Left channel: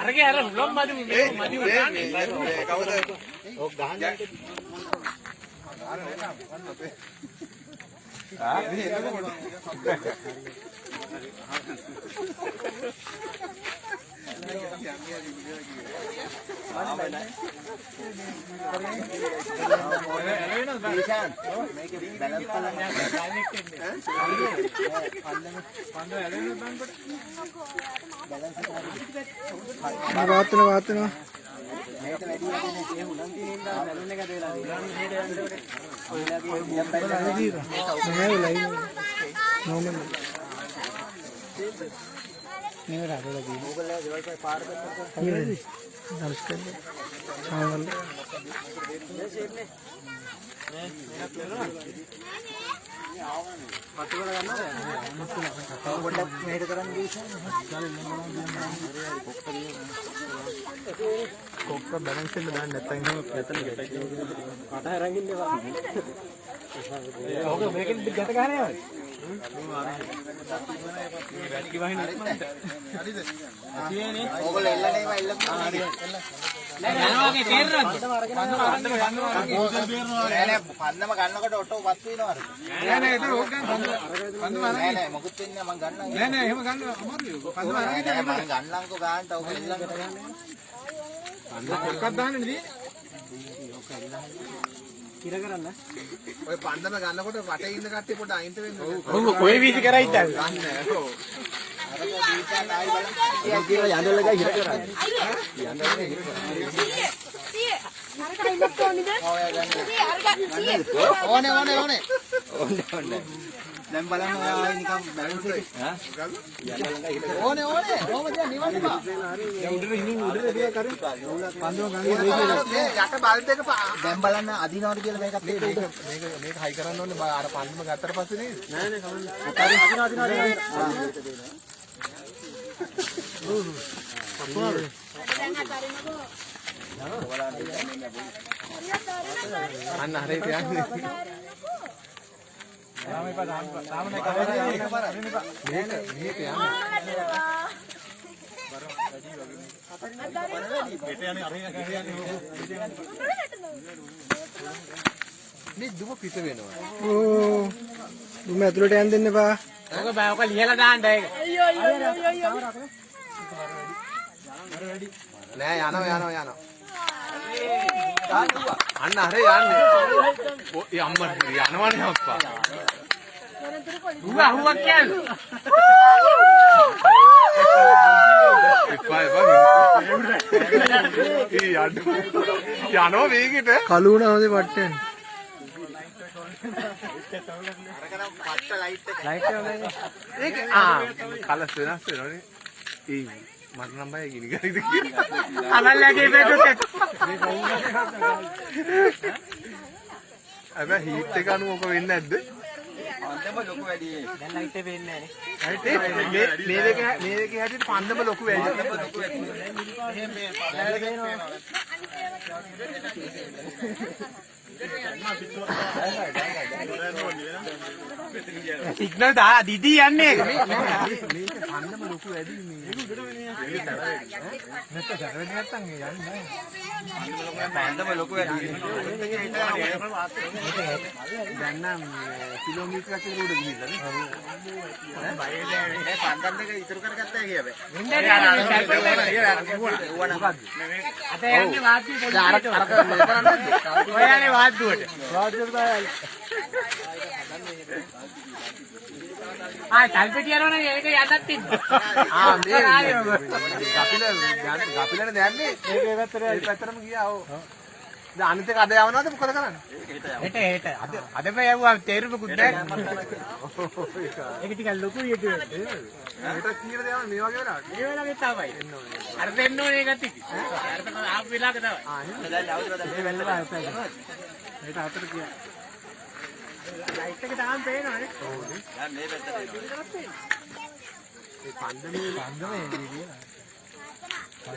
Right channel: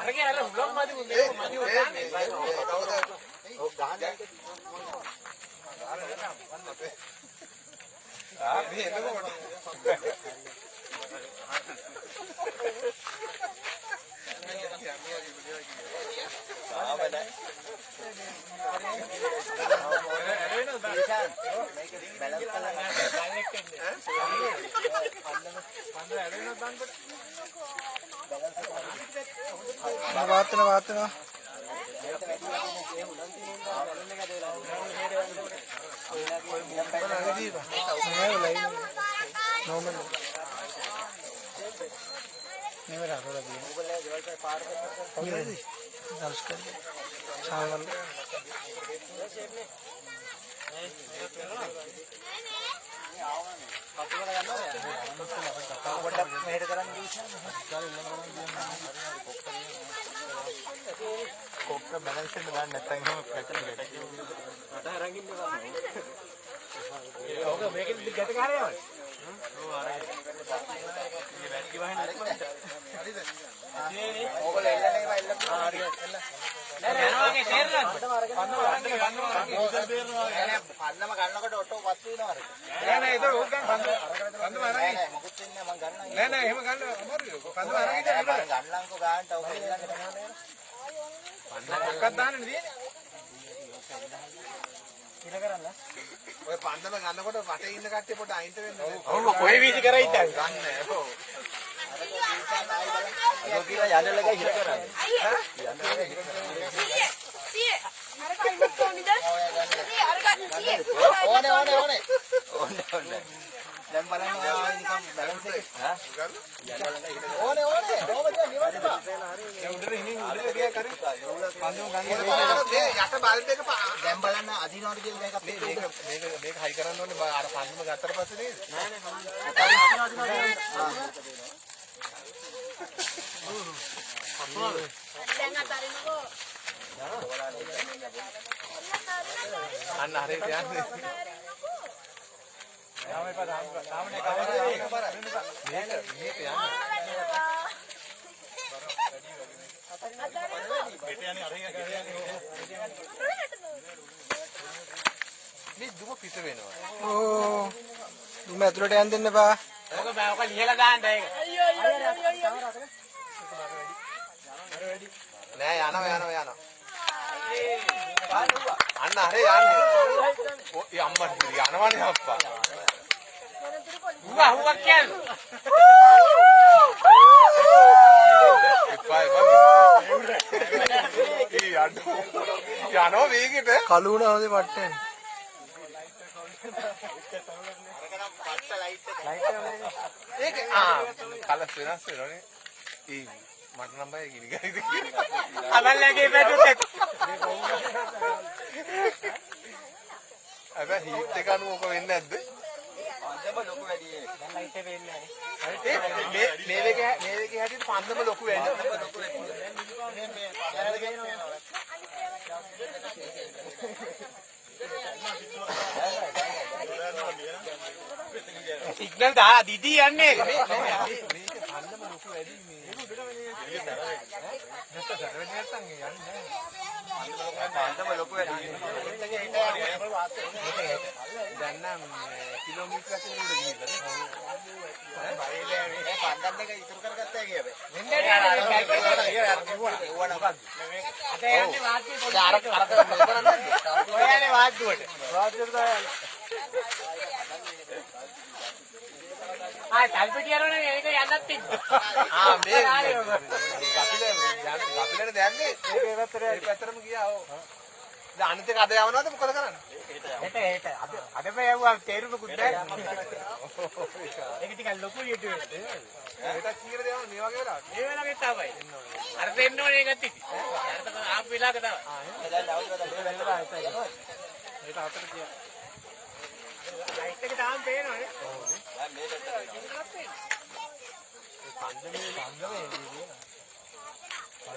අරගේ අර උලම් මදි මදි කවුද ඔක් ගහන්න ආ මේ එතකොට वातना කොක්ක බැලන්ස් එක දාන්න නැත්නම් එහෙම පට අරගෙන ඉන්නවා. ඔක මේකෙන් ගැට ගහලා යනවා. මේ වැටි වහින ඉක්මනට. හරිද? ඇතිනේ. ඕගොල්ලෝ එල්ලනේවා එල්ලන්නේ. ආ හරි. යනවා වගේ තේරෙනවද? පන්නම නෑ පන්නම ගන්නකොට ඔටෝ පත් වෙනවා. නෑ නෑ ඒක ඕක ගන්න පන්නම නෑ නෑ මොකුත් වෙන්නේ මම ගන්නවා. නෑ නෑ එහෙම ගන්න අමාරුයි. පන්නම අරගෙන මම ගන්නම්කෝ ගන්නට ඔක එල්ලන්නට ගන්න. මොකක්ද දාන්නේ නේ? කිර කරන්න. ඔය පන්නම ගන්නකොට වටේ ඉන්න කට්ටිය පොඩ අයින්ට වෙන්න. ඔව් කොයි වීසි කරයිද? ගන්න. ඔව්. ඔය කියලා යන්නල ගා හිර කරන්නේ. යන්නල ගා හිර කරන්නේ. සීයේ. අරක ඉන්නත් ඕනිද? සීයේ අරක සීයේ. ඕනේ. දැන් බලන්න ඔයා නිකන් බැලන්ස් එක. හා? ඕනේ. කොහොමද නිවන්න බා? දැන් උඩට හිමින් උඩට ගියා කරු. පන්දුව ගන්න මේ යට බල්බ් එක දැන් බලන්න අදිනවද කියලා මේක හයි කරන්න ඕනේ අර පන්දුම ගත්තට පස්සේ නේද? නෑ සමහරවිට අන්න හරියට යන්නේ. යාම එපා තාමනේ කවදාද පාර අරින්න එපා. මේක යන්නේ. මෙතන යන්නේ අරින්න කියන්නේ මේ දුම පිට වෙනවා. ඕ දුම ඇතුළට යන්න දෙන්න එපා. ඔක බෑ ඔක ලියලා දාන්න ඒක. අයියෝ. නෑ යනවා. අන්න හරි යන්නේ. ඔය අම්මා යනවන්නේ අප්පා. හුවක් කියන්නේ. යනවා මේකට. කලුණ හොඳේ පට්ටෙන්. අරකනම් පට්ට ලයිට් එක. ඒක කලස් වෙනස් වෙනවනේ. මට නම් බය ගිනි ගයිද කියලා. අමල්ලාගේ බෙදුත් එක. අද හීට් එක අනුව ඔක වෙන්නේ නැද්ද? පන්දම ලොකු වැඩි. දැන් ලයිට් එක වෙන්නේ නැහැ නේ. මේ දෙකේ හැටියට පන්දම ලොකු වැඩි. සිග්නල් දා දිදී යන්නේ ඒක. මේක පන්දම ලොකු වැඩි මේ. මේක සරල නැත්තම් යන්නේ නැහැ. පන්දම ලොකු වැඩි. දැන් නම් කිලෝමීටරයක් විතර උඩ ගිහිල්ලා නේ. බයේ පන්දම් දෙක ඉතුරු කරගත්තා කියබේ. වෙන්නේ අද යන්නේ වාද්‍ය පොඩි අර කරන්නේ නැද්ද? ඔය යන්නේ වාද්දුවට. ආ තල්පෙටි යනවනේ ඒක යන්නත් තිබ්බා. ආ මේ ගපිලනේ දැම්මේ මේ පැත්තටම ගියා. ඔව්. දැන් අනිත් එක අද යවනවද මොකද කරන්නේ? හෙට අදම යවුවා තේරුමකුත් නැහැ. ඒක ටිකක් ලොකු විදියට. හෙට කීයද යවන්නේ මේ වගේ වෙලාවට? මේ වෙලාවෙත් තමයි. අර දෙන්න ඕනේ ඒකත් ඉති. අර තමයි ආපු වෙලාවක තමයි. ආ එහෙනම් දැන් අවුරුද්දක් මේ වෙල්ල බෑ. හෙට අතට ගියා. ලයිට් එක තාම පේනවනේ. ඔව්නේ. දැන් මේ පැත්තට එනවා. ඒ පන්දමේ එළියේ නේද?